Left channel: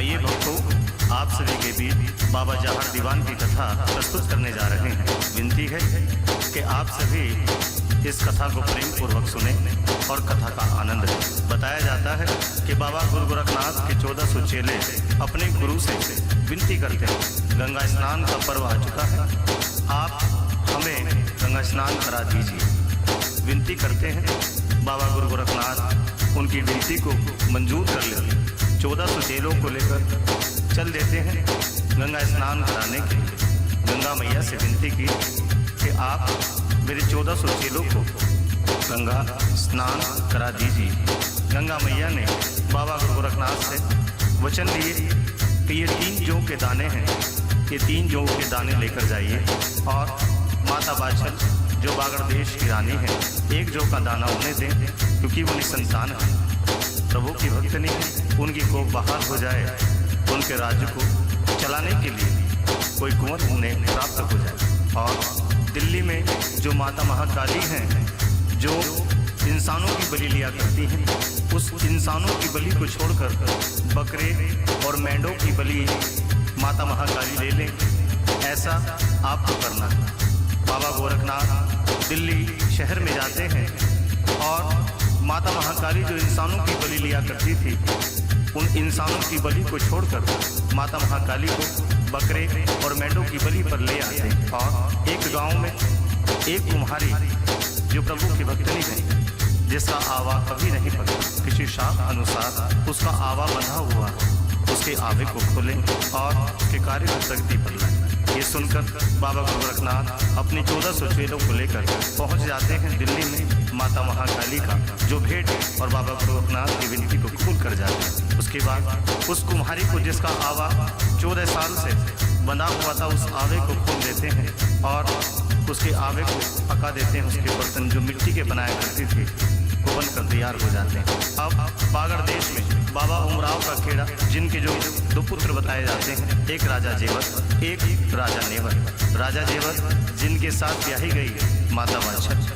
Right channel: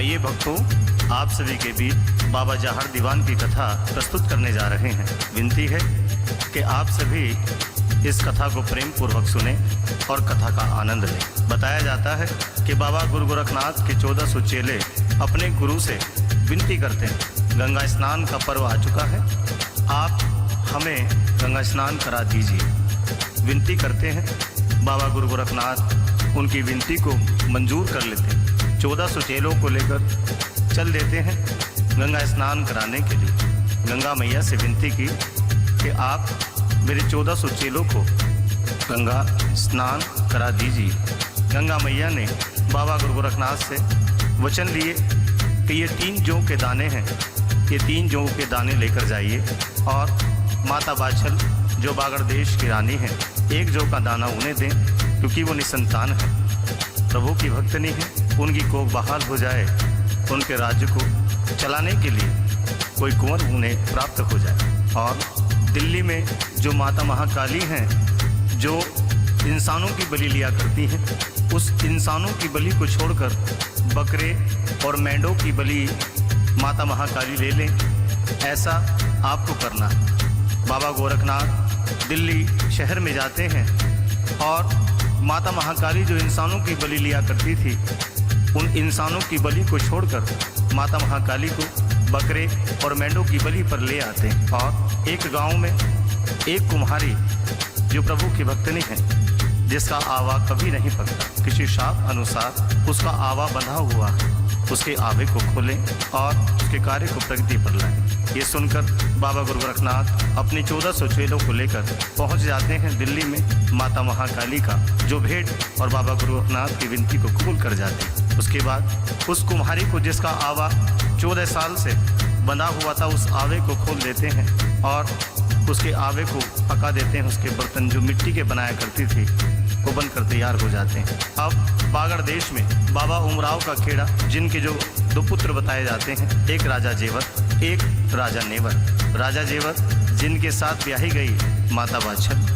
आइए भक्तों, आप सभी के बीच बाबा जाहर दीवान की कथा प्रस्तुत करने जा रहे हैं। विनती है कि आप सभी इस कथा को प्रेम पूर्वक सुने और कथा का आनंद लें। बताया जाता है कि बाबा गुरु गोरखनाथ के 1400 चेले अपने गुरु से विनती करते हैं, गंगा स्नान का पर्व आ चुका है, आप हमें गंगा स्नान करा दीजिए। विनती करते हैं, बाबा गुरु गोरखनाथ उनकी विनती को मंजूर कर लेते हैं। 1400 चेलों को लेकर चल देते हैं गंगा स्नान कराने के लिए। गंगा मैया से विनती की कि आप मेरे 1400 चेलों को गंगा स्नान करा दीजिए। गंगा मैया ने बाबा गुरु गोरखनाथ से वचन लिए कि ये 3 जौ के दाने हैं, ये 3 जौ के दाने लेकर जाइए और माता बाछल जो बागड़ देश की रानी है, 1 जौ का दाना उन्हें दें, क्योंकि वो निसंतान है, प्रभु की भक्तनी है। उनकी कोख बहाल हो जाए, उनके राज्य को चलाने के लिए कोई कुंवर उन्हें प्राप्त हो जाए। और दिल्ली में जो माता महाकाली हैं, जो इंसानों की बलि लिया करती हैं, उस इंसानों की बलि को छोड़कर बकरे और मेंढों की बलि माता महाकाली ले लें, ऐसा आपको करना है। बाबा गोरखनाथ दिल्ली शहर में जाते हैं और माता महाकाली जो इंसानों की बलि लिया करती थी, उन इंसानों की बलि को छोड़कर माता महाकाली को बकरे और मेंढों की बलि पर ले आते हैं। और एक गांव में एक कुम्हारी जो प्रभु की भक्तनी है, जिसका आवा कभी नहीं पकता, किसी शाप अनुसार उसका आवा बंधा हुआ है, उसके आवे को खोलें और उसके कार्य को प्रगति पर लाएं। ये सुनकर बाबा गुरु गोरखनाथ अपनी 1400 चेलों को लेकर पहुंच जाते हैं दिल्ली में माता महाकाली का जो भेंट, और बाबा गुरु गोरखनाथ की विनती को कबूल कर जाते हैं। उसके बाद उस कुम्हारी को, जिसका आवा 14 साल से बंधा हुआ था, उस आवे को खोल देते हैं और उसके आवे को पका देते हैं। उसके बर्तन जो मिट्टी के बनाया करती थी वो बनकर तैयार हो जाते हैं। अब बागड़ देश में बाबा उमराव का खेड़ा, जिनके जो 2 पुत्र बताए जाते हैं, एक राजा जेवर, एक राजा नेवर। राजा जेवर जिनके साथ ब्याही गई माता बाछल,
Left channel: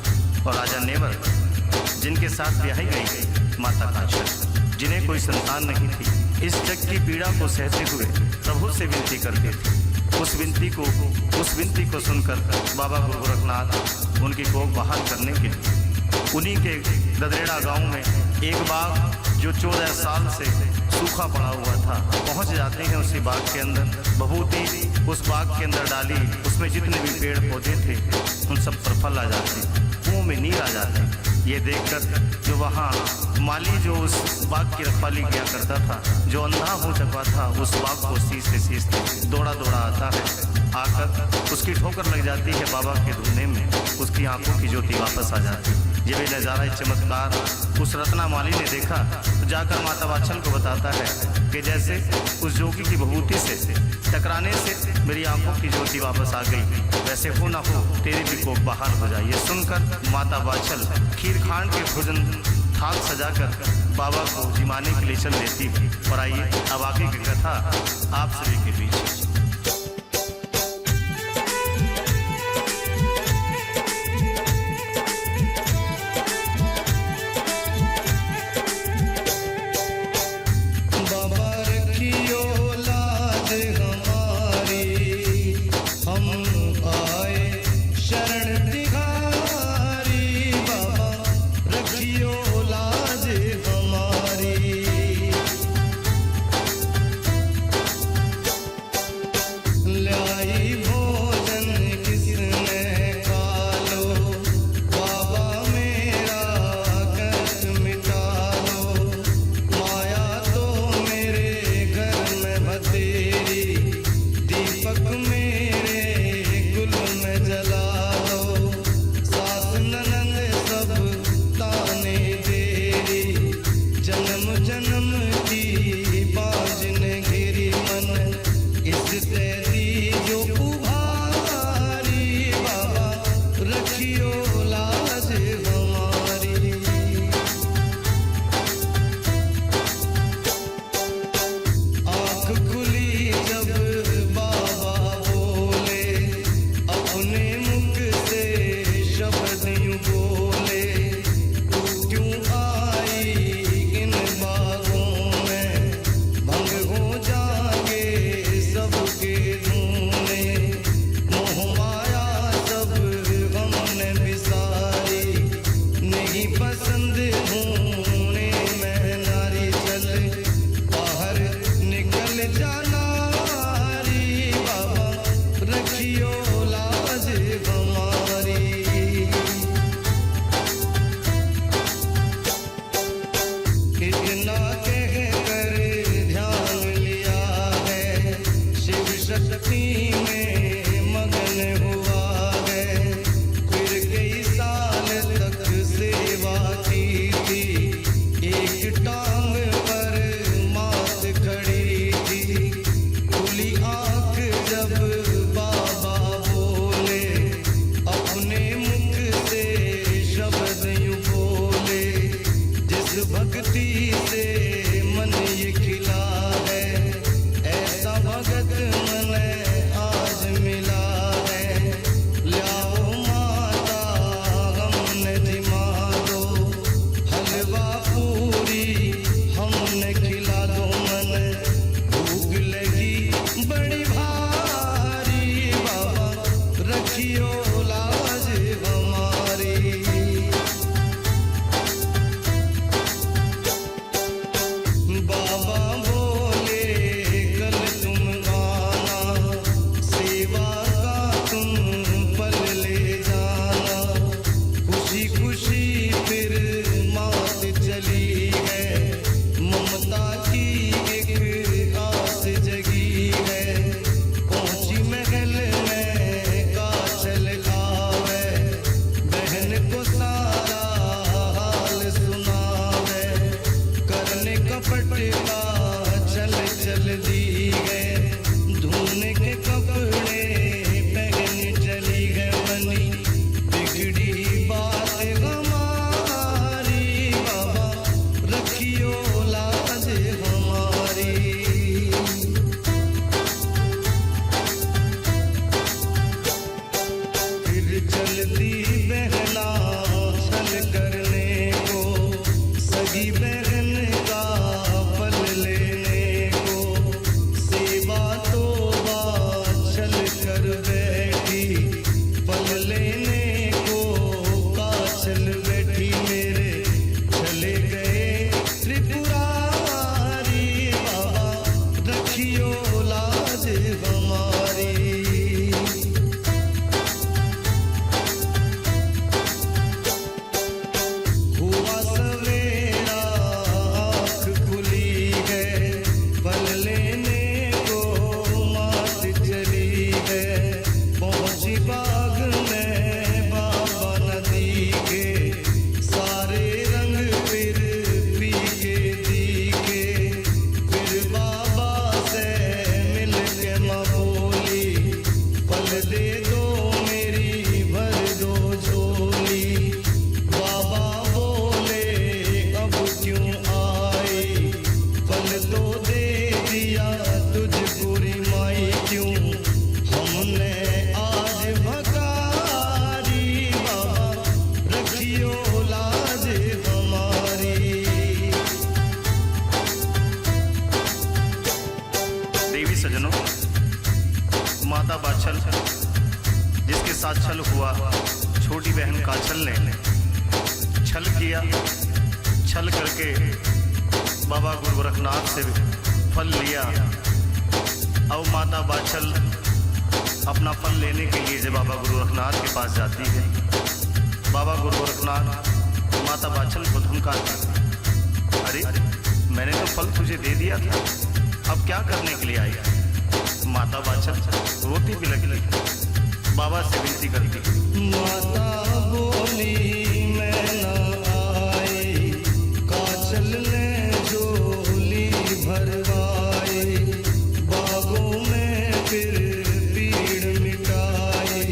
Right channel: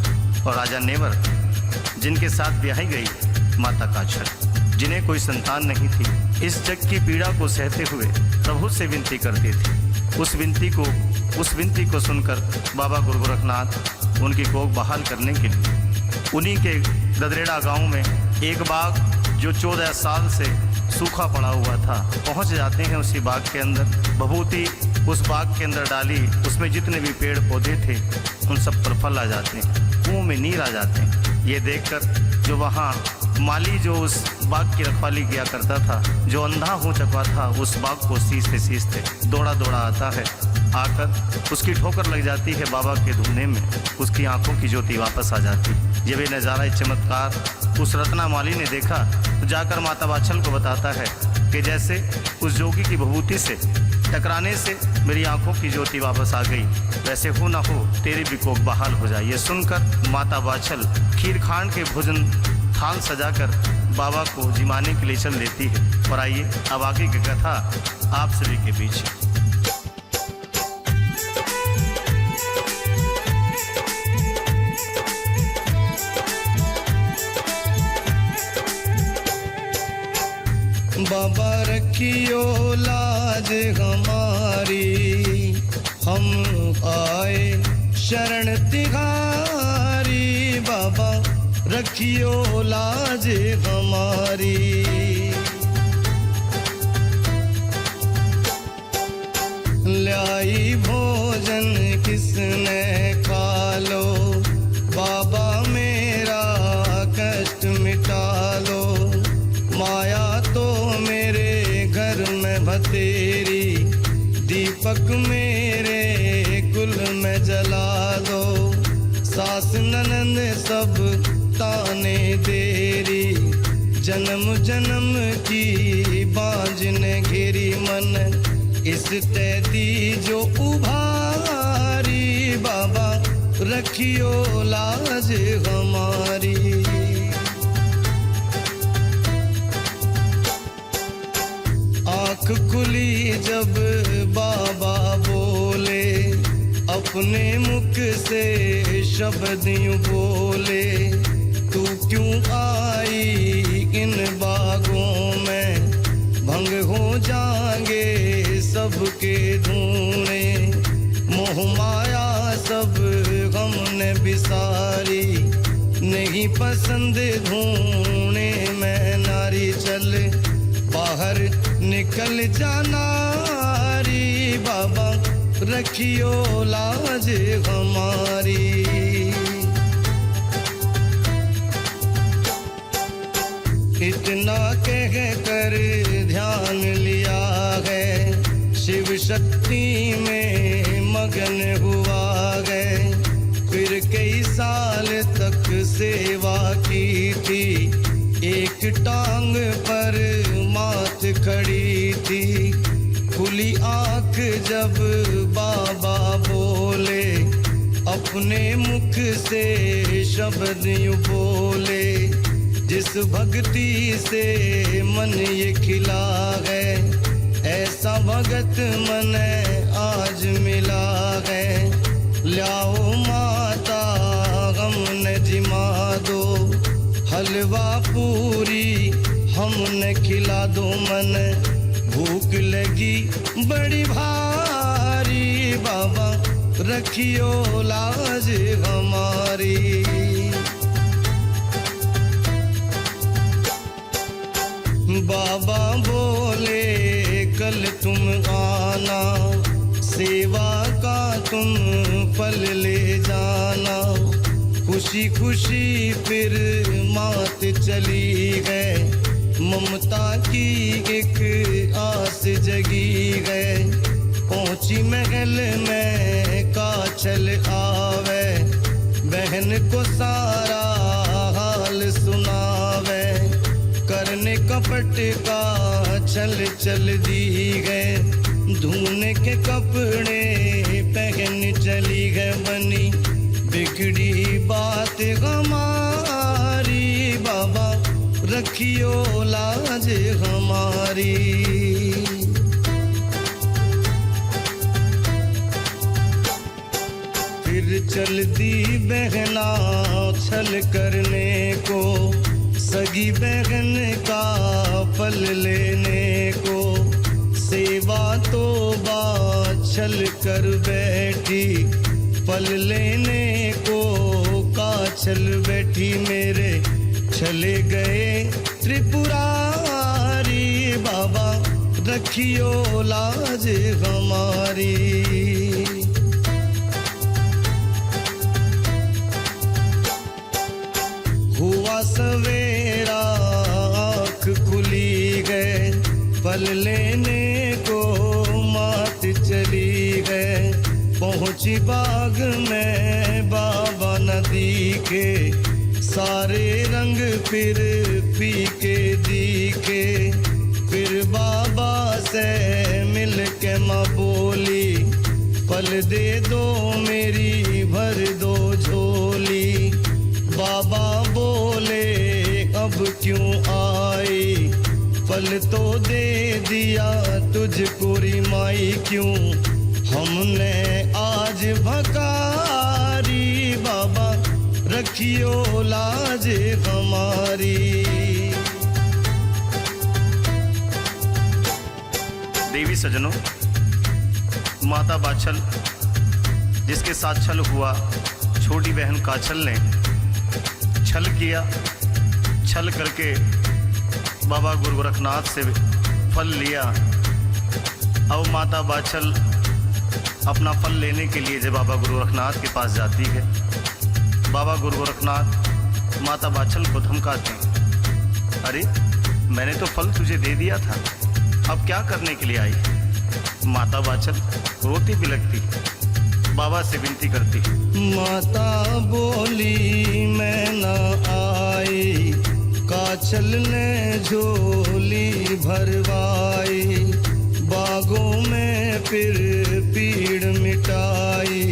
और राजा नेवर जिनके साथ ब्याही गई माता काछल, जिन्हें कोई संतान नहीं थी। इस जग की पीड़ा को सहते हुए प्रभु से विनती करती थी। उस विनती को सुनकर बाबा गुरु गोरखनाथ उनकी कोख बहाल करने के लिए उन्हीं के ददरेड़ा गांव में एक बाग जो 14 साल से सूखा पड़ा हुआ था, पहुंच जाते हैं। उसी बाग के अंदर भभूति उस बाग के अंदर डाली, उसमें जितने भी पेड़ पौधे थे उन सब पर फल आ जाते हैं, कुओं में नीर आ जाते हैं। ये देखकर जो वहाँ माली जो उस बाग की रखवाली किया करता था, जो अंधा हो चुका था, उस बाग को सींचते दौड़ा आता है। आकर उसकी ठोकर लग जाती है बाबा के धुने में, उसकी आंखों की ज्योति वापस आ जाती है। जब ये नज़ारा चमत्कार उस रत्ना माली ने देखा तो जाकर माता बाछल को बताता है कि जैसे उस जोगी की भभूति से टकराने से मेरी आंखों की ज्योति वापस आ गई, वैसे हो ना हो तेरी भी कोख बहाल हो जाए। ये सुनकर माता बाछल खीर खांड के भोजन थाल सजाकर बाबा को जिमाने के लिए चल देती है। और आइए अब आगे की कथा आप सभी के बीच। बाबा रखियो लाज हमारी, हम आए शरण तिहारी। बाबा रखियो लाज हमारी। लाई भोजन किसने खा लो, बाबा मेरा कष्ट मिटा लो। माया तो मेरे घर में भतेरी, दीपक मेरे कुल में जला दो। सास ननंद सब ताने देरी, जन्म जन्म की बांझ ने घेरी मन। इस तैदी जो उभारी, बाबा रखियो लाज हमारी। आँख खुली जब बाबा बोले, अपने मुख से शब्द यूं बोले। तू क्यों आई इन बागों में, भंग हो जाएंगे सबके धूने, मोह माया सब हमने बिसारी, नहीं पसंद ढूंढने में नारी, चल बाहर निकल जाना री बाबा, रखियो लाज हमारी। इतना कह कर ध्यान लिया है, शिव शक्ति में मगन हुआ है, फिर कई साल तक सेवा की थी, एक टांग पर मात खड़ी थी, खुली आंख जब बाबा बोले, अपने मुख से शब्द यूं बोले, जिस भक्ति से मन ये खिला है, ऐसा भगत मन आज मिला है, लाओ माता हमने जिमा दो, हलवा पूरी हमने खिला दो, मन भूख लगी बड़ी भारी, बाबा रखियो लाज हमारी। बाबा बोले कल तुम आना, सेवा का तुम फल ले जाना, खुशी खुशी फिर मात चली है, ममता की एक आस जगी है, पहुंची महल में काछल आवे, बहन को सारा हाल सुनावे, करने कपट का चल चल दी गए, धोने के कपड़े पहन चली गए, बनी बिगड़ी बात हमारी, बाबा रखियो लाज हमारी। फिर चल दी बहना छल करने को, सगी बहन का फल लेने को, सेवा तो छल कर बैठी, फल लेने को काछल बैठी, मेरे चले गए त्रिपुरारी, बाबा रखियो लाज हमारी। हुआ सवेरा आँख खुली है, फल लेने को मात चली है, पहुँची बाग में बाबा नदी के, सारे रंग फिर फीके दिखे, फिर बाबा से मिल के माँ बोली, फल दे दो मेरी भर दो झोली, बाबा बोले अब क्यों आई, फल तो दे दिया तुझको री माई, क्यों हमने आज भकारी, बाबा रखियो लाज हमारी। देवी सजनों, माता बाछल जिसके साथ छल हुआ, छोटी बहन काछल ने छल किया, छल करके बाबा गुरु गोरखनाथ से फल लिया। अब माता बाछल अपना फल लेने के लिए जब बाबा गुरु गोरखनाथ के पास जाती है, बाबा गुरु गोरखनाथ माता बाछल को धमकाते, अरे मैंने तो फल तुझे दे दिया था, अब क्या करने के लिए आई। माता बाछल रोती बिलखती बाबा से विनती करती, माता बोली मैं न आई, काछल ने झोली भरवाई, बागों में फिर पीड़ मिटाई,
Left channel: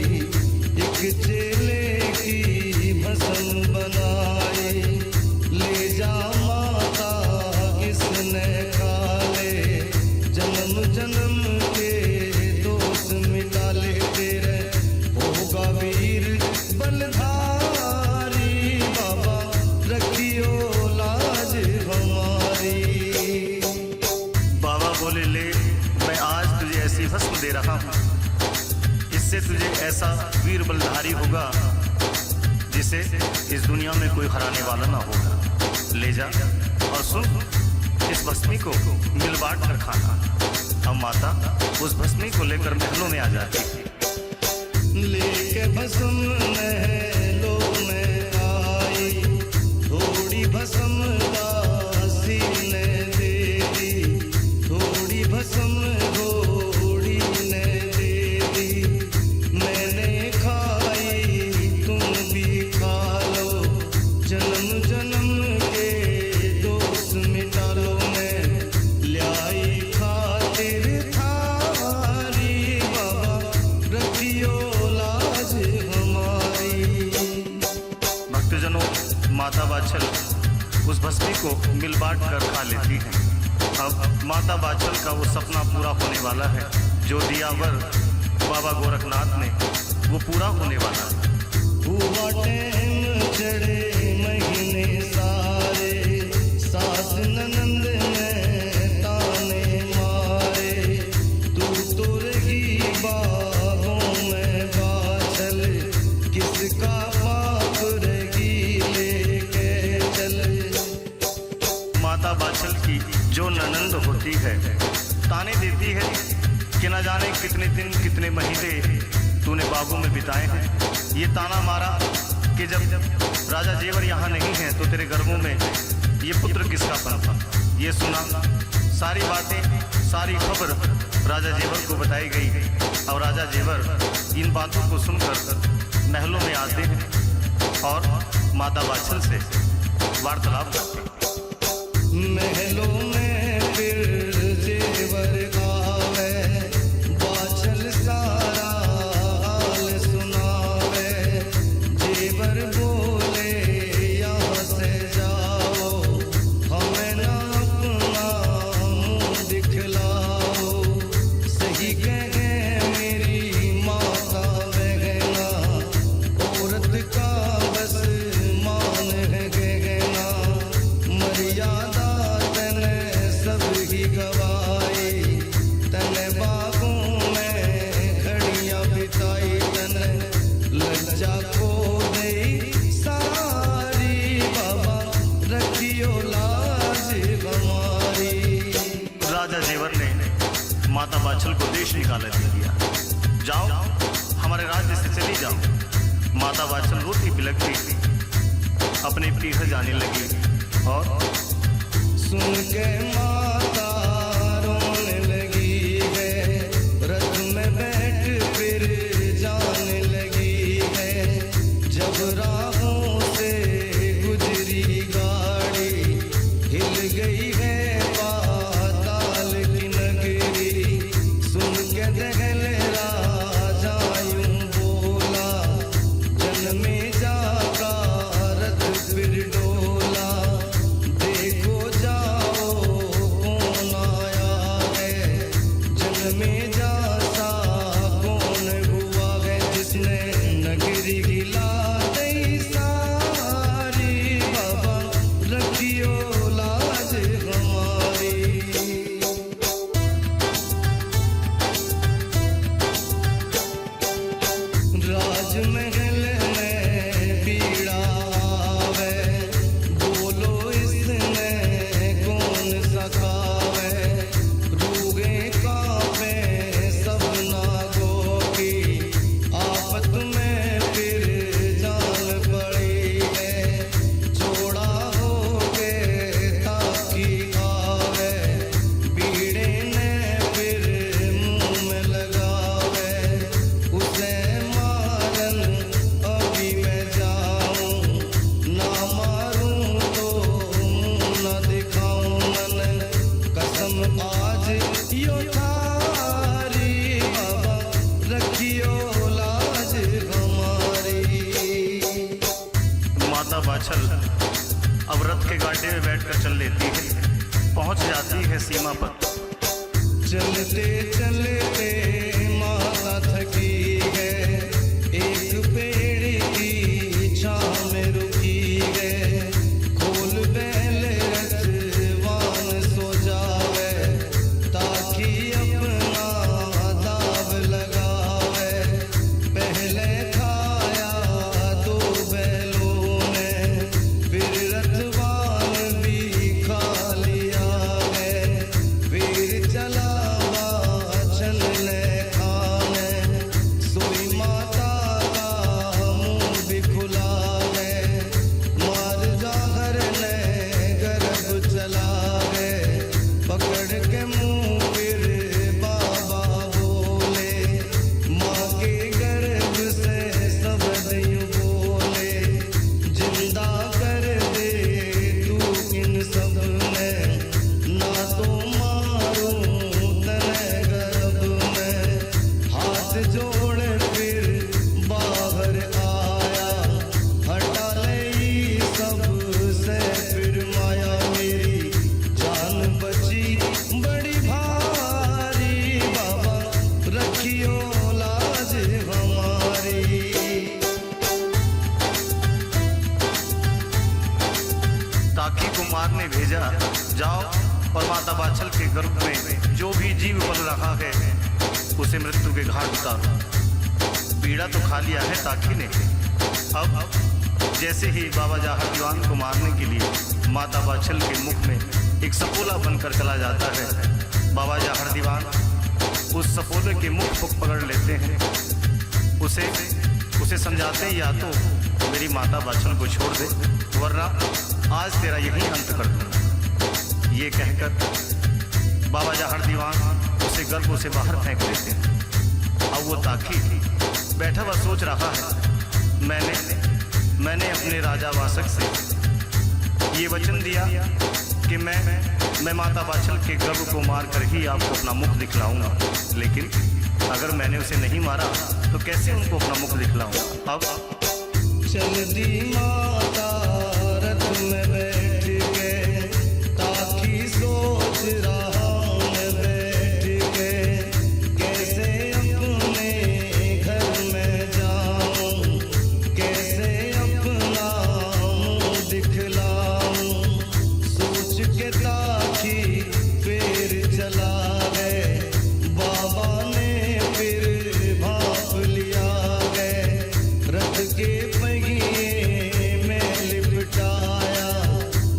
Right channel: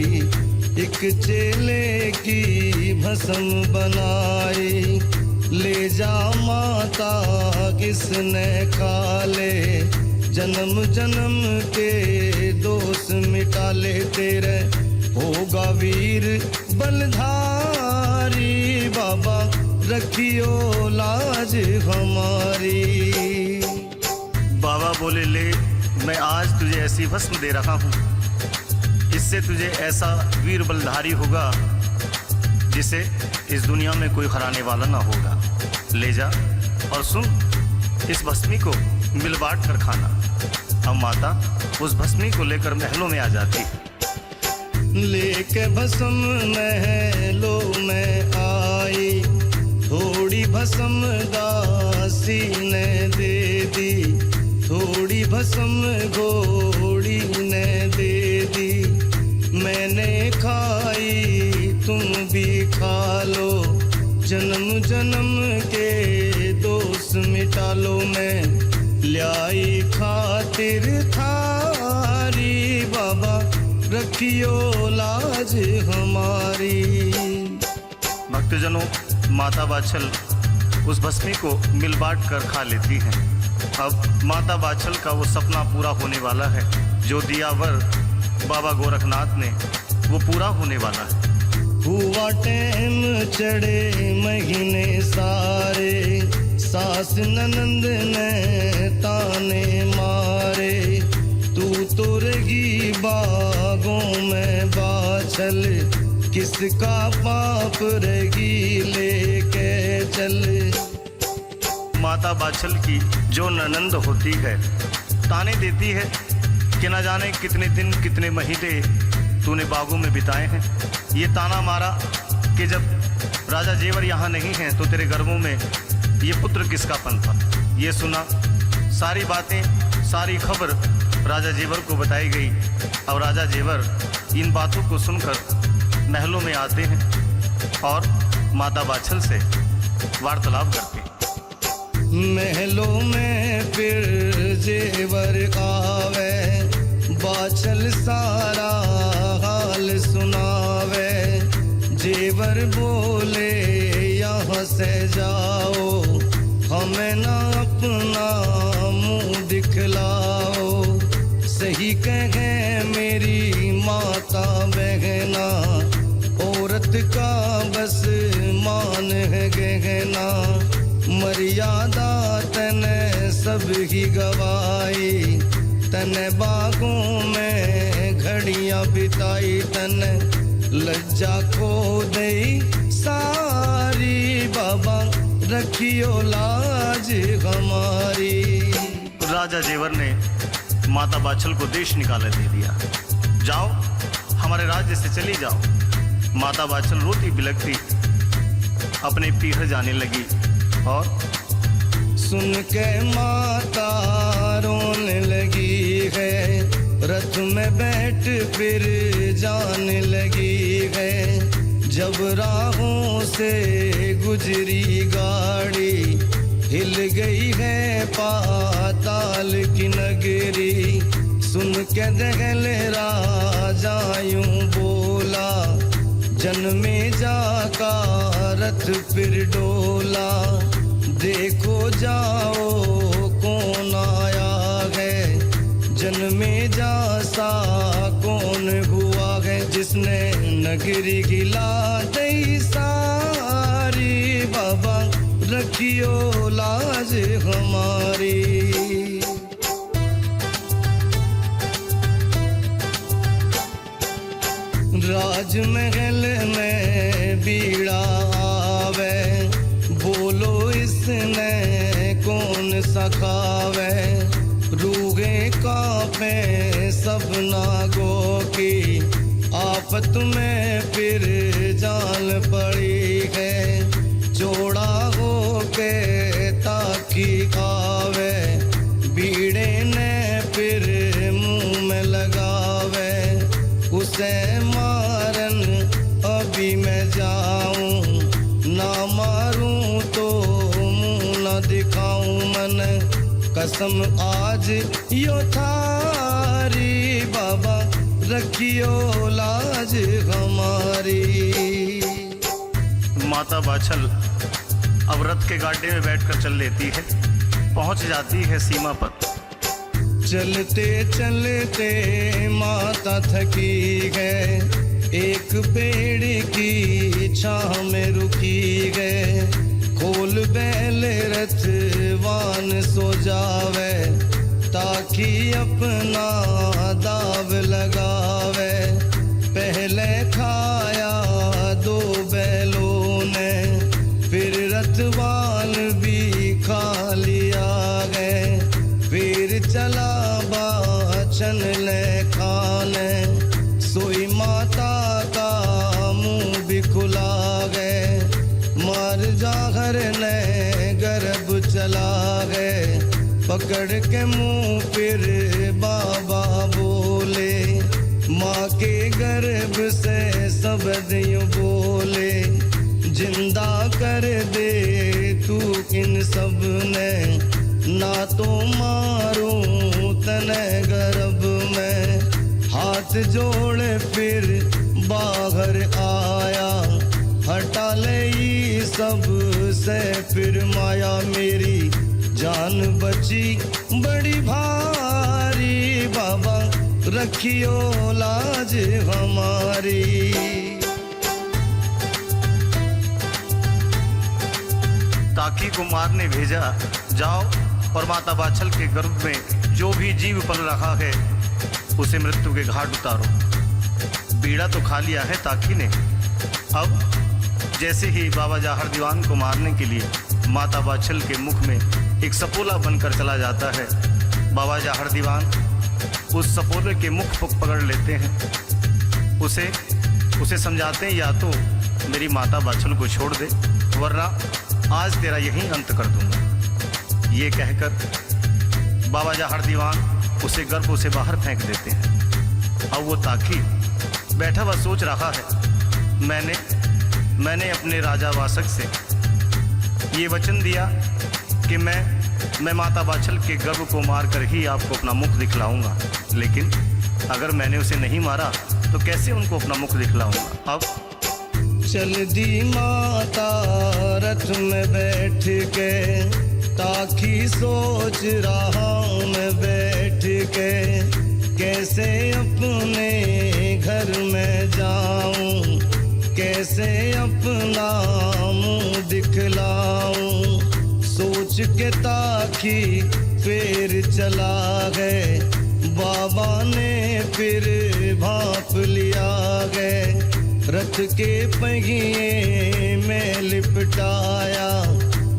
एक चेले की भस्म बनाई, ले जा माता किसने खा ले, जन्म जन्म के दोष मिटा ले, तेरे होगा वीर बलधारी, बाबा रखियो लाज हमारी। बाबा बाबा बोले, ले मैं आज तुझे ऐसी भस्म दे रहा हूँ, इससे तुझे ऐसा वीर बलधारी होगा जिसे इस दुनिया में कोई हराने वाला ना होगा। ले जा और सुन, इस भस्मी को मिल बांट कर खाना। अब माता उस भस्मी को लेकर महलों में आ जाती है। लेके भस्म महलों में आई, थोड़ी भस्म दासी ने दे दी, थोड़ी भस्म घोड़ी ने दे दी। मैंने खाई तुम भी खा लो, जन्म जन्म के दोष मिटा लो। मैं लाई खातिर थारी, बाबा रखियो लाज हमारी। भक्तजनों, माता बाछल उस भस्मी को मिल बांट कर खा लेती हैं। अब माता बाछल का वो सपना पूरा होने वाला है, जो दिया वर बाबा गोरखनाथ ने, वो पूरा होने वाला है। हुआ टैम चढ़े महीने सारे, सास ननंद ने ताने मारे। तू तो रही बागों में बाछल, किसका पाप रही लेके चल। माता बाछल की जो ननंद होती है ताने देती है कि न जाने कितने दिन कितने महीने तूने बागों में बिताए हैं। ये ताना मारा कि जब राजा जेवर यहाँ नहीं हैं तो तेरे गर्भों में ये पुत्र किसका पनपा। ये सुना, सारी बातें, सारी खबर राजा जेवर को बताई गई। और राजा जेवर इन बातों को सुनकर महलों में आते हैं और माता बाछल से वार्तालाप करते हैं। महलों में फिर जेवर आवे, बाछल सारा हाल सुनावे। जेवर बोले यहाँ से जाओ, हमें ना अपना मुंह दिखलाओ। सही कहे मेरी माता बहना, औरत का बस मान है गहना। मर्यादा तने सब ही गवाई, तने बागों में घड़ियां बिताई। तने लज्जा को दई सारी, बाबा रखियो लाज हमारी। राजा जेवर ने माता बाछल को देश निकाले दे दिया। जाओ, हमारे राज्य से चली जाओ। माता बाछल रोती बिलखती अपने पीहर जाने लगी और सुन के माता रोने लगी है, रथ में बैठ फिर जाने लगी है। जब राहों से गुजरी गाड़ी, हिल गई है पाताल की नगरी। सुन के दहल राजा यूं बोला, जन्मे जाका रथ फिर डोला। देखो जाओ कौन आया है, जन्मे जासा कौन हुआ है। जिसने नगरी गिला दई सारी, बाबा रखियो लाज हमारी। राजमहल में बीड़ा आवे, बोलो इसने कौन सखावे। रूगे कांपे सब नागों की, आफत में फिर जान पड़ी है। चौड़ा हो के ताकि आवे, बीड़े ने फिर मुंह में लगावे। उसे मारन अभी मैं जाऊं, ना मारूं तो मुंह न दिखाऊं। मन कसम आज यो थारी, बाबा रखियो लाज हमारी। माता बाछल अब रथ के गाड़े में बैठकर चल लेती है, पहुंच जाती है सीमा पर। चलते चलते माता थकी है, एक पेड़ की छांव में रुकी है। खोल बैल रथ वान सो जावे, ताकि अपना दाव लगावे। पहले खाया 2 बैलों ने, फिर रतवाल भी खा लिया गए। फिर चला बाछन ले खाने, सोई माता का मुंह भी खुला गए। मार जागर ने गर्भ चला गए, पकड़ के मुंह फिर बाबा बोले। माँ के गर्भ से शब्द यूं बोले, जिंदा कर दे तू इन सब ने, ना तो मारूं तने गर्भ में। हाथ जोड़े फिर बाहर आया, हटा ले ये सब से फिर माया। मेरी जान बची बड़ी भारी, बाबा रखियो लाज हमारी। ताकि कुमार ने भेजा, जाओ और माता बाछल के गर्भ में जो भी जीव पल रहा है उसे मृत्यु के घाट उतारो। बीड़ा तो खा लिया है ताकि ने। अब जैसे ही बाबा जाहर दीवान को मारने के लिए माता बाछल के मुख में एक सपोला बनकर चला जाता है, बाबा जाहर दीवान उस सपोले के मुख पकड़ लेते हैं। उसे समझाते हैं, या तो मेरी माता बाछल को छोड़ दे, वरना आज तेरा यहीं अंत कर दूंगा। ये कहकर बाबा जाहर दीवान उसे गर्भ से बाहर फेंक देते हैं। अब वो ताकि बैठा हुआ सोच रहा है, मैंने अपने राजा वासक से ये वचन दिया कि मैं माता बाछल के गर्भ को मारकर ही आपको अपना मुख दिखलाऊंगा, लेकिन अगर मैंने उसे नहीं मारा तो कैसे उनको अपना मुख दिखलाऊंगा। अब चल दी माता रथ में बैठ के, ताकि सोच रहा हूँ मैं बैठ के, कैसे अपने घर में जाऊं, कैसे अपना मुंह दिखलाऊं। सोच के ताकि फिर चला गए, बाबा ने फिर भाप लिया गए। रथ के पहिए में लिपटाया,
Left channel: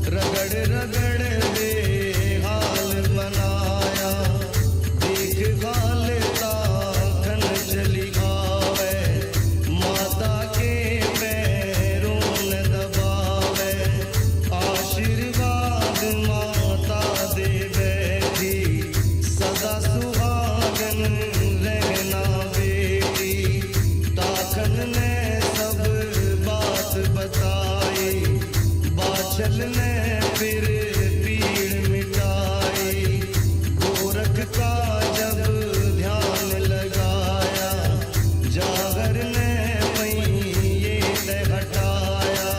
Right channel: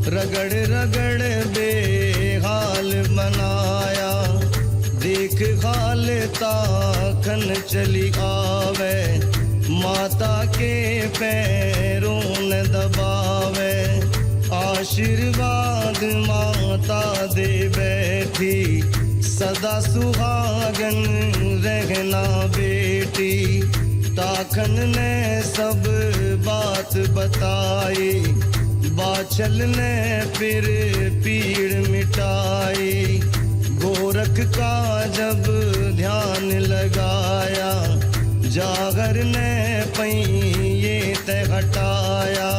रगड़ रगड़ बेहाल बनाया। देख हाल ताखन चली आवे, माता के पैरों ने दबावे। आशीर्वाद माता दे बैठी, सदा सुहागन रहना बेटी। ताखन ने सब बात बताई, बाछल ने फिर पीड़ मिटाई। गोरख का जब ध्यान लगाया, जागर ने पहिए ते हटाया।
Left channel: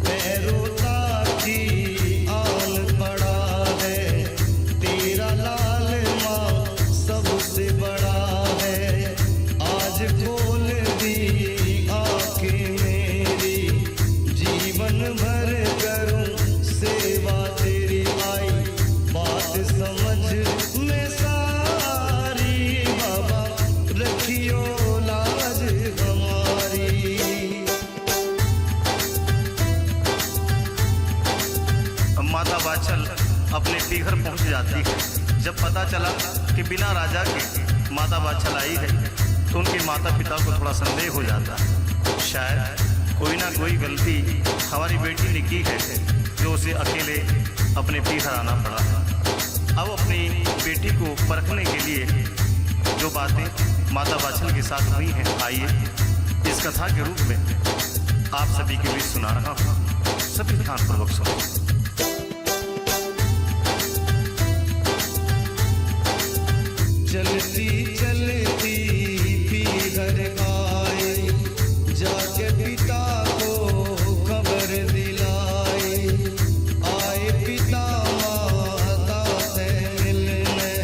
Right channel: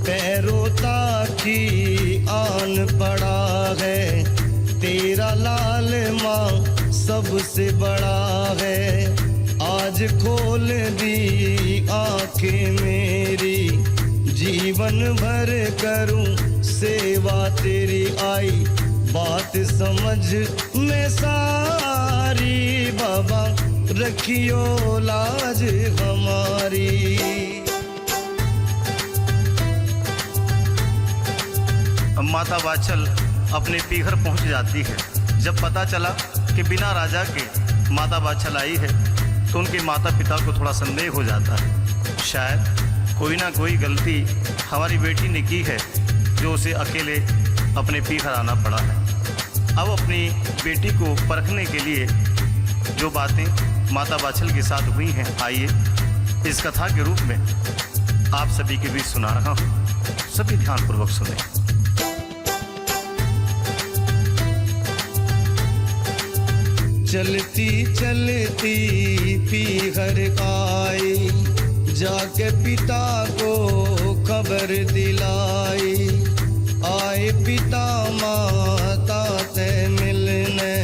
पैरों ताकि आन पड़ा है, तेरा लाल माँ सबसे बड़ा है। आज खोल दी आंखें मेरी, जीवन भर करूं सेवा तेरी। आई बात समझ में सारी, बाबा रखियो लाज हमारी। माता बाछल अपने पीघर पहुंच जाती है। जब पता चला कि बिना राजा के माता बाछल आई है तो उनके माता पिता को थोड़ा संदेह हो जाता है, शायद कोई ना कोई गलती हमारी बेटी ने की है जो उसे अकेले अपने पीघर आना पड़ा है। अब अपनी बेटी को परखने के लिए जो बातें माता बाछल के साथ हुई हैं, आइए इस कथा के रूप में आप सभी के बीच सुना रहा हूँ। सभी ध्यानपूर्वक सुने। चलती चलती पीघर आई, जाके पिता को खबर दिलाई। आए पिता माता से मिलने,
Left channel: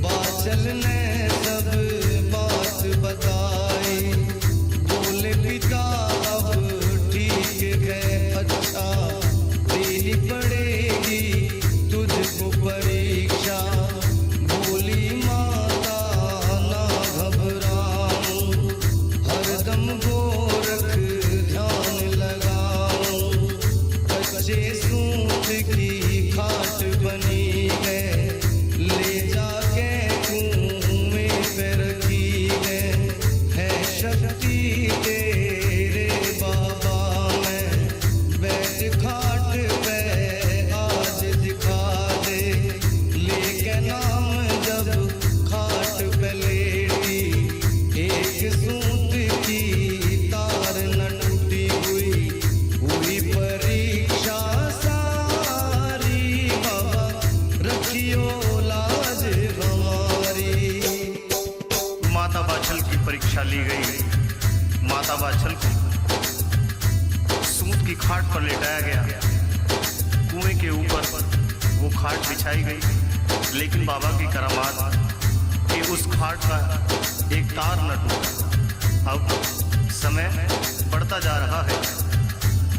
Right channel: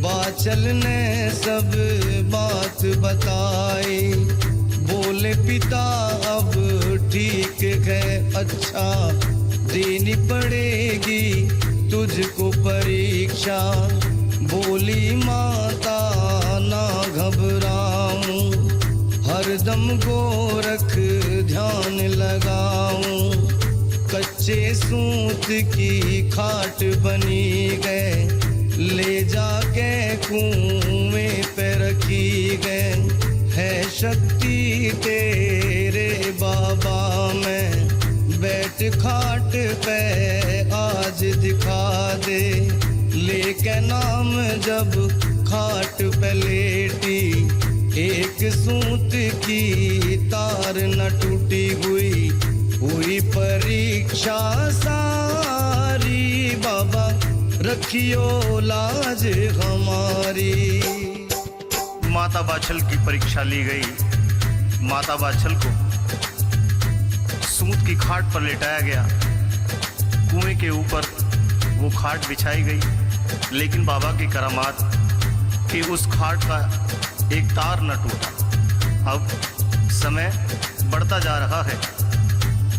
बाछल ने सब बात बताई। बोले पिता अब ठीक है, अच्छा देनी पड़ेगी तुझको परीक्षा। बोली माता ना घबराऊं, हरदम गोरख ध्यान लगाऊं। कच्चे सूत की खाट बनी गए, ले जाके कुएं पे रखी गए। है शक्ति तेरे बाबा में, बैठ खाट पे आज दिखा दे। लेके नाम जब खाट पे लेटी, एक सूत की तार न टूटी हुई परीक्षा सारी। बाबा रखियो लाज हमारी। माता बाछल की परीक्षा ली गई। माता बाछल को सूत की खाट पर लेटाया गया। कुएं के ऊपर वो खाट बिछाई गई, लेकिन बाबा की करामात कि उस खाट का एक तार न टूटा। अब समय बढ़ता जा रहा है।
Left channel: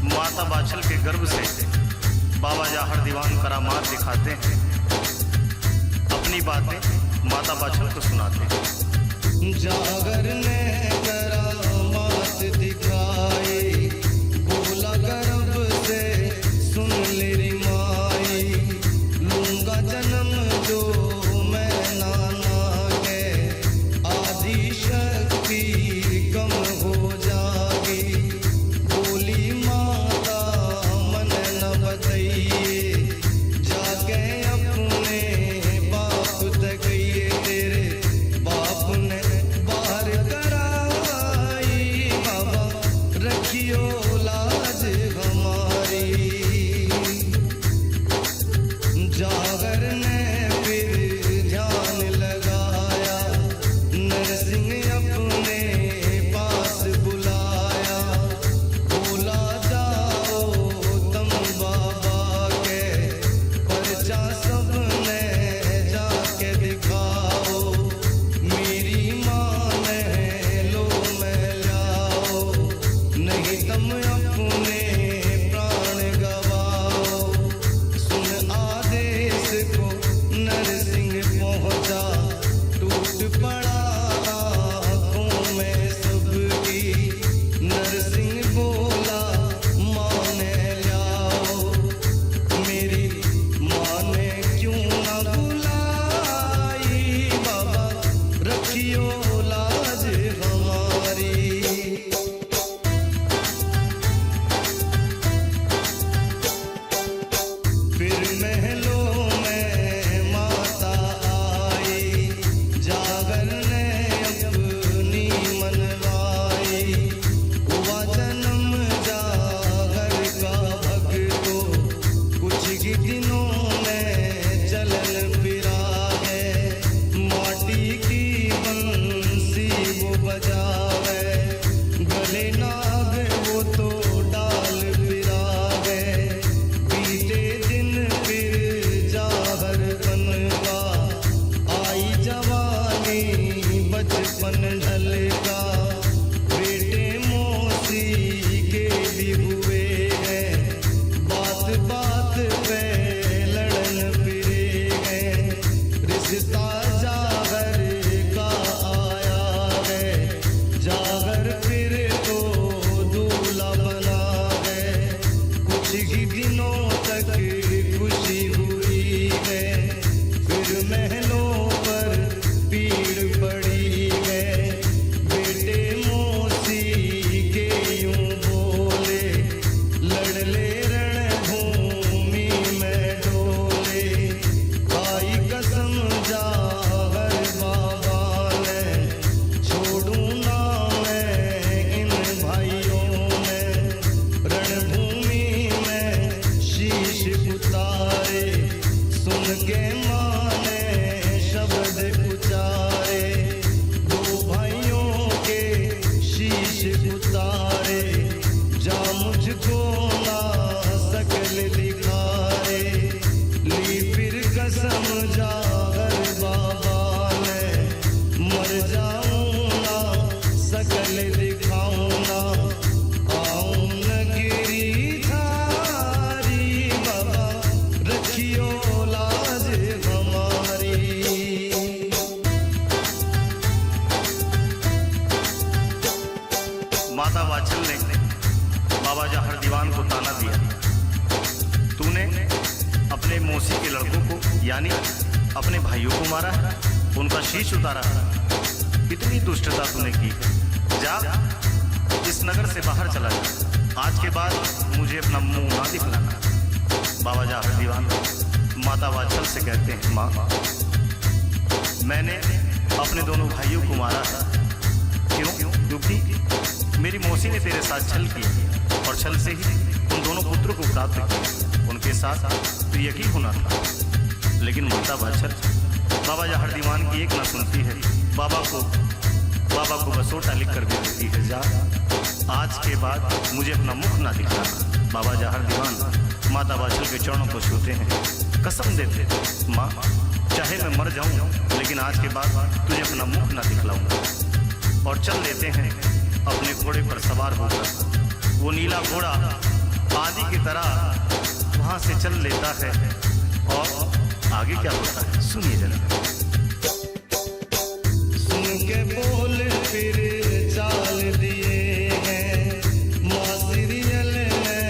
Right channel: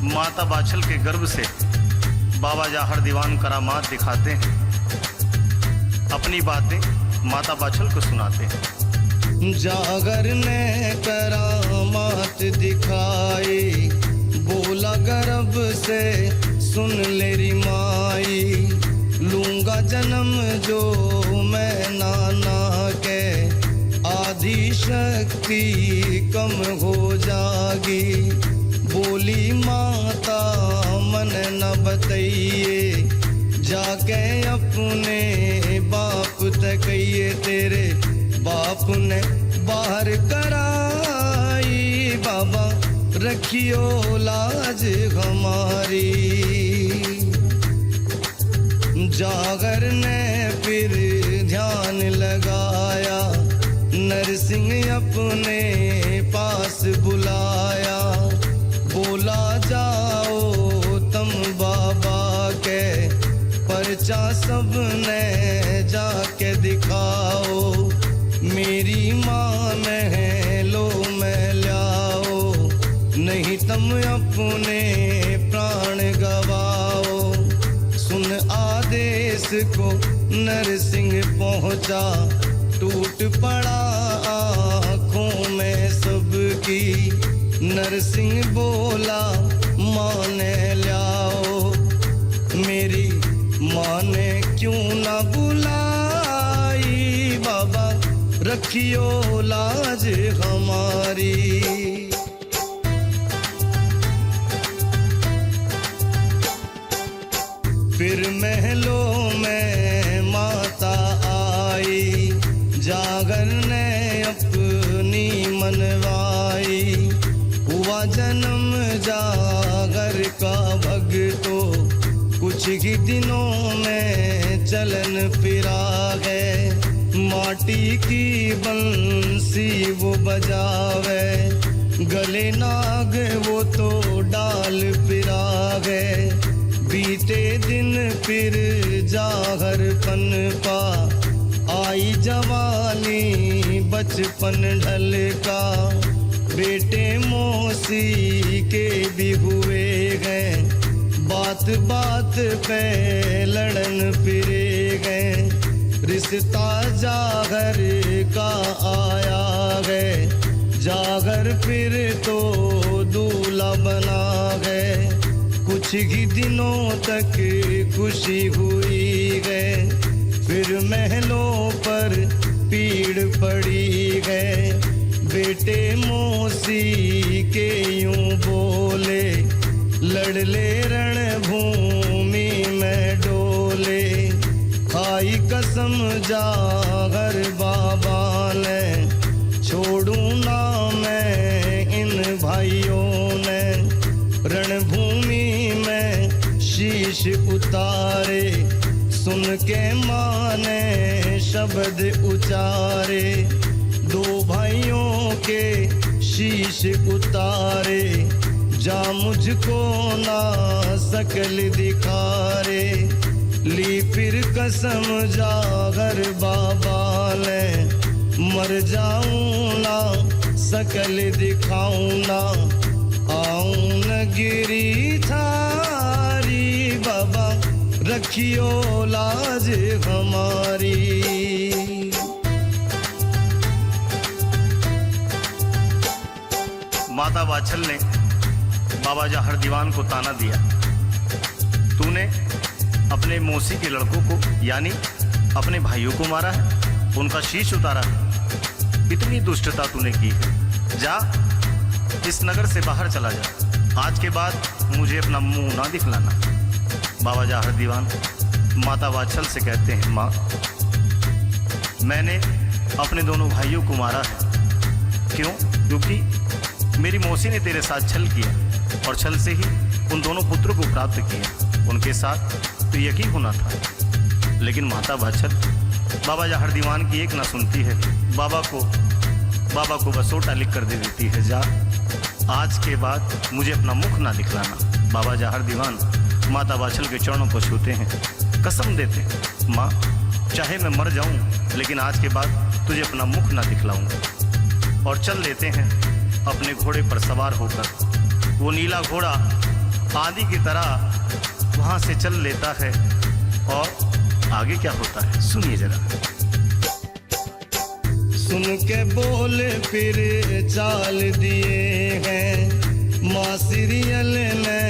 माता बाछल के गर्भ से बाबा जाहर दीवान करामात दिखाते हैं, अपनी बातें माता बाछल को सुनाते हैं। जागर ने करामात दिखाई, बोला गर्भ से सुन लेरी माई। लूंगा जन्म जो मैं नाना के, आदि शक्ति कम हो जागी। बोली माता मन न बतइए, जाके अपने बाप तक ये तेरे बाप ने बाहर कराई। बाबा रखियो लाज हमारी। जागर ने फिर ध्यान लगाया, नरसिंह अपने पास बुलाया। बोला जाओ तुम बाबा के, पर्चा सबने जाके दिखाओ। मेरी माँ ने लो मैं लाओ, नहीं तुम अपने प्राण गवाओ। सुन आदेश को नरसिंह पहुँचा, टूट पड़ा आँखों में सबकी। नरसिंह बोला माँ ने लाओ, मेरी माँ ने क्यों ना बुलाई। बाबा रखियो लाज हमारी। फिर महलों में माता आई, जागर ने अपनी मनवाई। हुआ जन्म जागर का भगतो, कुछ ही दिनों में चलन फिरा है। माटी की बंसी वो बजावे, गले नाग वो तो डाल फिरा है। बीते दिन फिर जागर पनपा, आई जवानी बचपन ढलका। बेटे मौसी के भी हुए गए, बात बात पे लड़न फिरे गए। रिश्ता जागर का आया है, जागर फिर तो दूल्हा बना है। कुछ ही दिनों तक खुशी हुई है, फिर महलों पर पीड़ पड़ी है। बेटे मौसी के यूं बोले, लड़ले रणभूमि में डोले। खाई कसम जागर बाबा ने, छोड़ूं ना मैं इन भाइयों ने। रणभूमि में शीश उतारे, सुन के माने शब्द उचारे। दो भाइयों के शीश उतारे, जा मुझको ना सकल दिखारे। ली फिर कसम जागर बाबा ने, मर जाऊं ना सकल दिखाऊं ना। आऊं न गिरी थारी, बाबा रखियो लाज हमारी। माता वात्सल ने बाबा जाहर दीवान को ताना दिया, तूने अपने मौसी के लड़कों को यानी अपने भाइयों को मारा है, उनका शीश उतारा है, इतनी दुष्टता तूने की है। जा इस नगर से बाहर चला जा, आज के बाद मुझे अपना मुंह ना दिखलाना। बाबा जाहर दीवान माता वात्सल से कहते हैं, माँ मैंने अपने दोनों भाइयों को मारा है। क्यों? क्योंकि मेरी मौसी ने तेरे साथ छल किया और छल से ही उन दोनों पुत्रों को प्राप्त किया, उनके साथ तो यही होना था। लेकिन माता वात्सल बाबा जाहर दीवान की एक ना सुनती है, बाबा को बसोटा लिख कर दे देती है। जा आज के बाद मुझे अपना मुख ना दिखलाना। बाबा जाहर दीवान माता वात्सल के चरणों को छूते हैं, कसम देते हैं, माँ चाहे मैं मर जाऊं लेकिन आज के बाद तुझे अपना मुख ना दिखलाऊंगा। और चल लेते हैं अपने घोड़े पर सवार होकर। वो नीला घोड़ा आदि की तरह वहां से चल लेता है और आगे क्या होता है सुनिए जरा। सुन के बोल फिर चाल दिए हैं, माँ सीरियल ने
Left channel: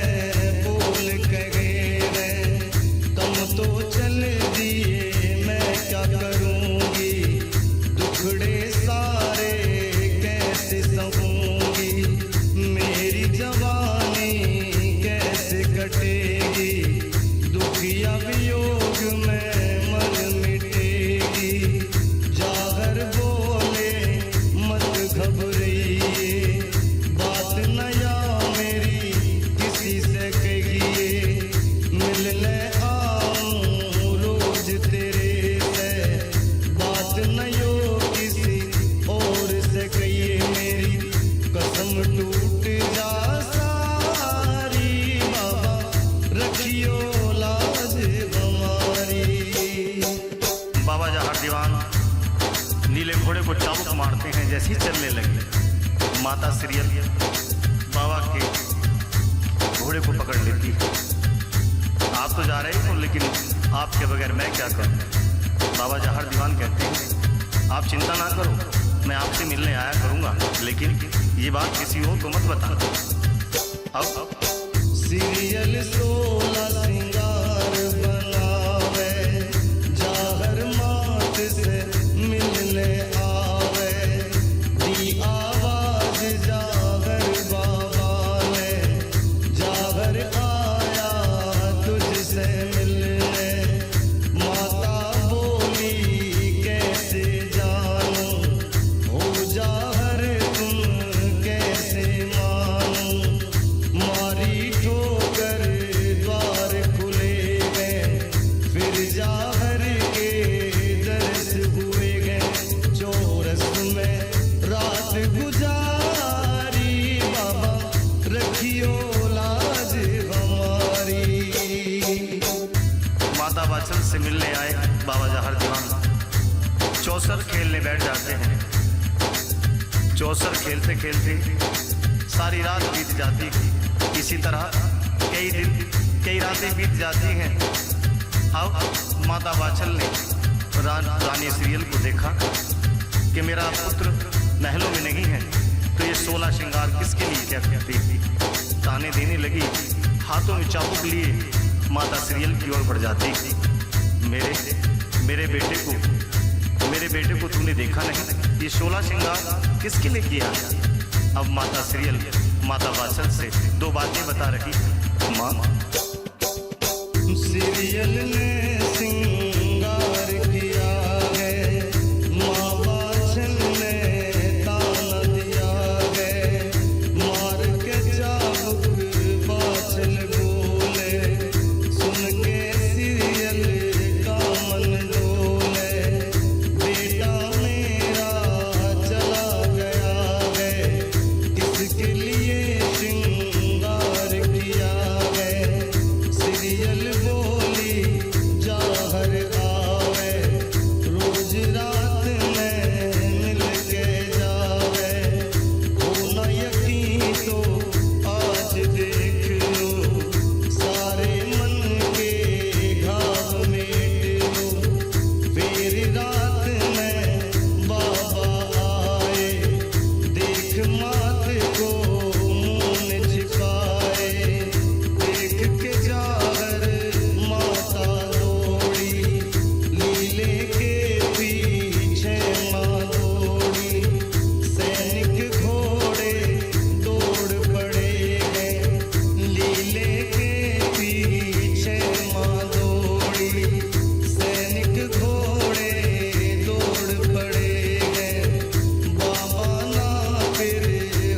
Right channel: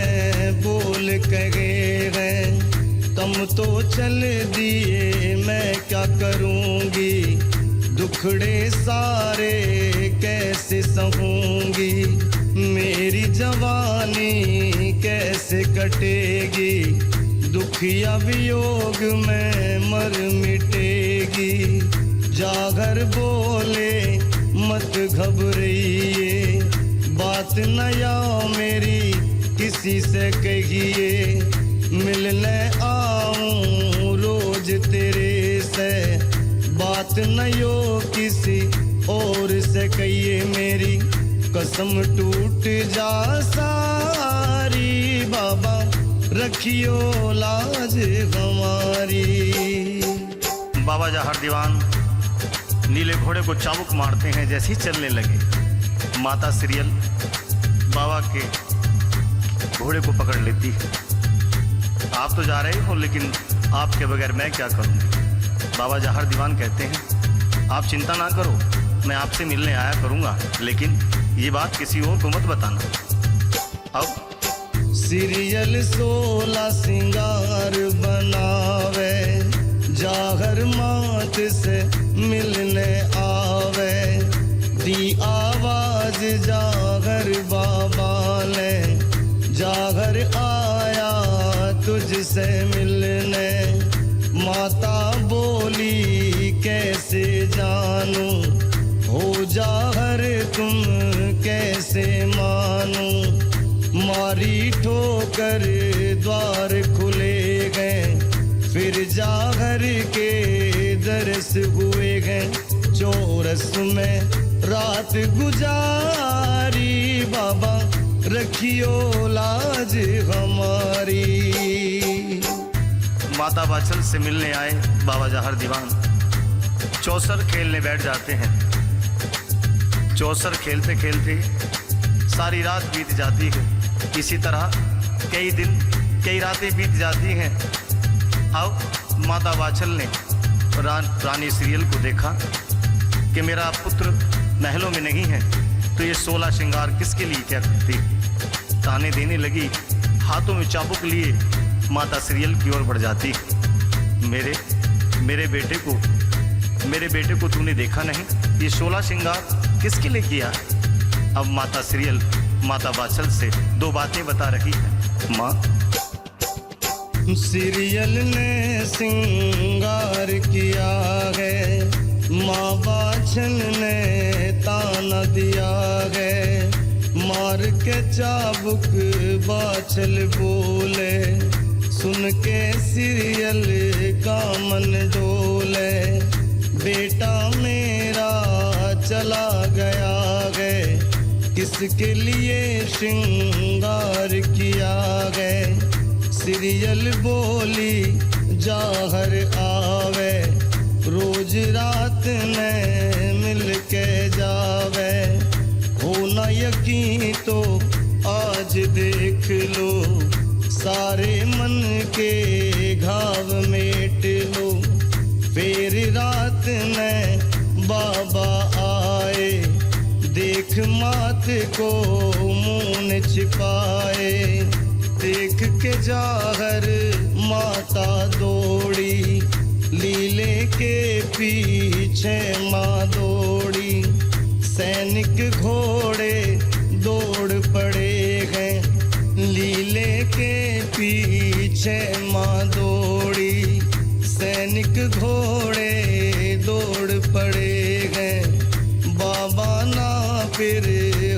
बोल कहे हैं, तुम तो चल दिए मैं क्या करूँगी, दुखड़े सारे कैसे सहूँगी, मेरी जवानी कैसे कटेगी, दुखिया वियोग में मर मिटेगी। जागर बोले मत घबराइए, बात नया मेरी किसी से कहिए, मिलने आऊं रोज तेरे से, बात नयो किसी और से कहिए, मेरी कसम टूट जा सारी, बाबा रखियो लाज हमारी। बाबा जाहर दीवान नीले घोड़े को चाबुक मारते हैं, जैसे ही चलने लगे माता सीरियल बाबा के घोड़े को पकड़ लेती है। आप तो जा रहे हो लेकिन आपके बगैर मैं क्या करूँगी। बाबा जाहर दीवान कहते हैं, आप चिंता ना करो, मैं आपसे मिलने आया करूँगा, लेकिन ये बात किसी और को मत बताना। अब सीरियल 16 सिंगार बनावे, जागर मात से मिलने आवे, दी आवाज जागर बाबा ने, जागर आया तुझसे मिलने, माता बोली कैसे जानू, हो जाहर तुम कैसे मानू, मारी ठोकर द्वार खुले गए, फिर जागर के दरस हुए गए, चौरस में रात गुजारी, बाबा रखियो लाज हमारी। माता वात्सल से मिलने आए बाबा जाहर दीवान चौसर खेलने बैठ जाते हैं। चौसर खेलते खेलते सारी रात बीत जाती है। इसी तरह कई दिन कई रातें बीत जाती हैं। अब माता वात्सल ने रानी सीरियल को देखा कि मेरा पुत्र महलों में नहीं है, तो ये 16 श्रृंगार किसके लिए क्या करती है। ताने देने लगी, हाथों में चाबुक लिए माता सीरियल की ओर बढ़ जाती। मेरे बेटे को तूने देखा नहीं, ये 16 श्रृंगार किसके लिए किया। अब माता सीरियल माता वात्सल से 2 बातें बता रही है। माँ सीरियल ने सिंगार किया है, माँ वात्सल ने ताना दिया है, मार के चाबुक वात्सल बोले, सुन के सीरियल का मन डोले, बेटा मेरा चला गया है, किसके लिए श्रृंगार किया है। सीरियल बोली जाहर आवे, रोज रात में मिल के जावे, हो न यकीन तो आज देख लो, सारे मन के घाव मेट लो। फिर रात में बाबा आए, देख मात को मुँह न छिपाए। देख के जागर माता दौड़ी, लीले के पीछे माँ दौड़ी। सैनिक घोड़े दौड़ पड़े हैं, लीले के पीछे माँ दौड़ी। सैनिक घोड़े दौड़ पड़े हैं, बाबा ना फिर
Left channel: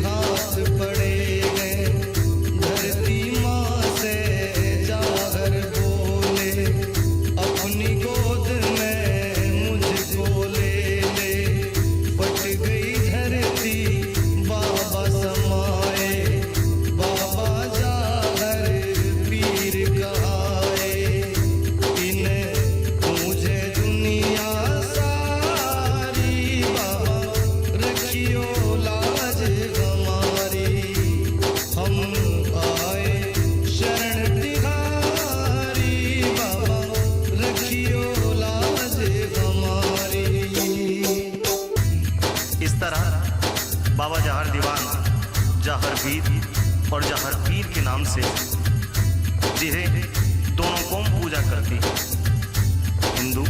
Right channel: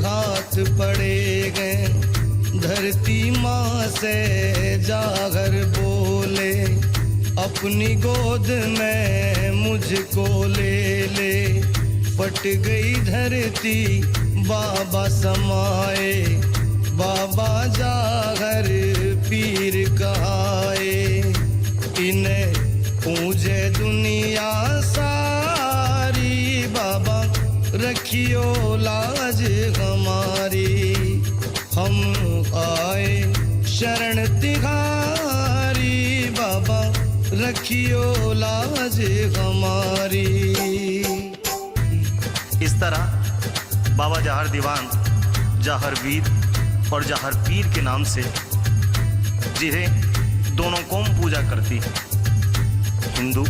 हाथ पड़े हैं। धरती माँ से जागर बोले, अपनी गोद में मुझको ले ले। फट गई धरती बाबा समाए, बाबा जागर पीर कहाए। इन्हें पूजे दुनिया सारी, बाबा रखियो लाज हमारी। हम आए शरण तिहारी, बाबा रखियो लाज हमारी। इस तरह बाबा जहर दीवान जहर वीर और जहर पीर के नाम से, जिन्हें दोनों कौम पूजा करती है, हिंदू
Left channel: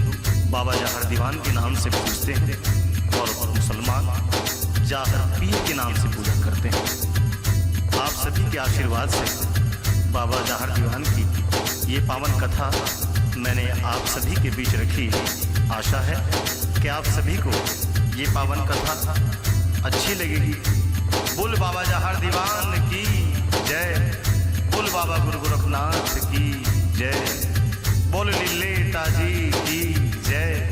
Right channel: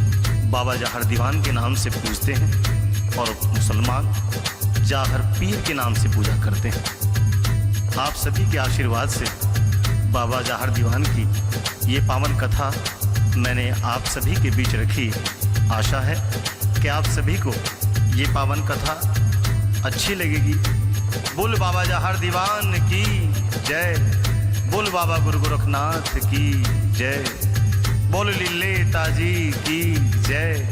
बाबा जहर दीवान के नाम से पूजते हैं और मुसलमान जहर पीर के नाम से पूजा करते हैं। आप सभी के आशीर्वाद से बाबा जहर दीवान की ये पावन कथा मैंने आप सभी के बीच रखी। आशा है कि आप सभी को ये पावन कथा अच्छी लगेगी। बोल बाबा जहर दीवान की जय, बोल बाबा गुरु गोरखनाथ की जय, बोल लीले ताजी की जय,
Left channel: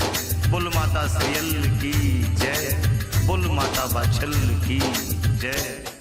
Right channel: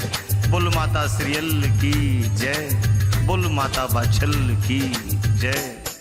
बोल माता श्रीयल की जय, बोल माता बाछल की जय।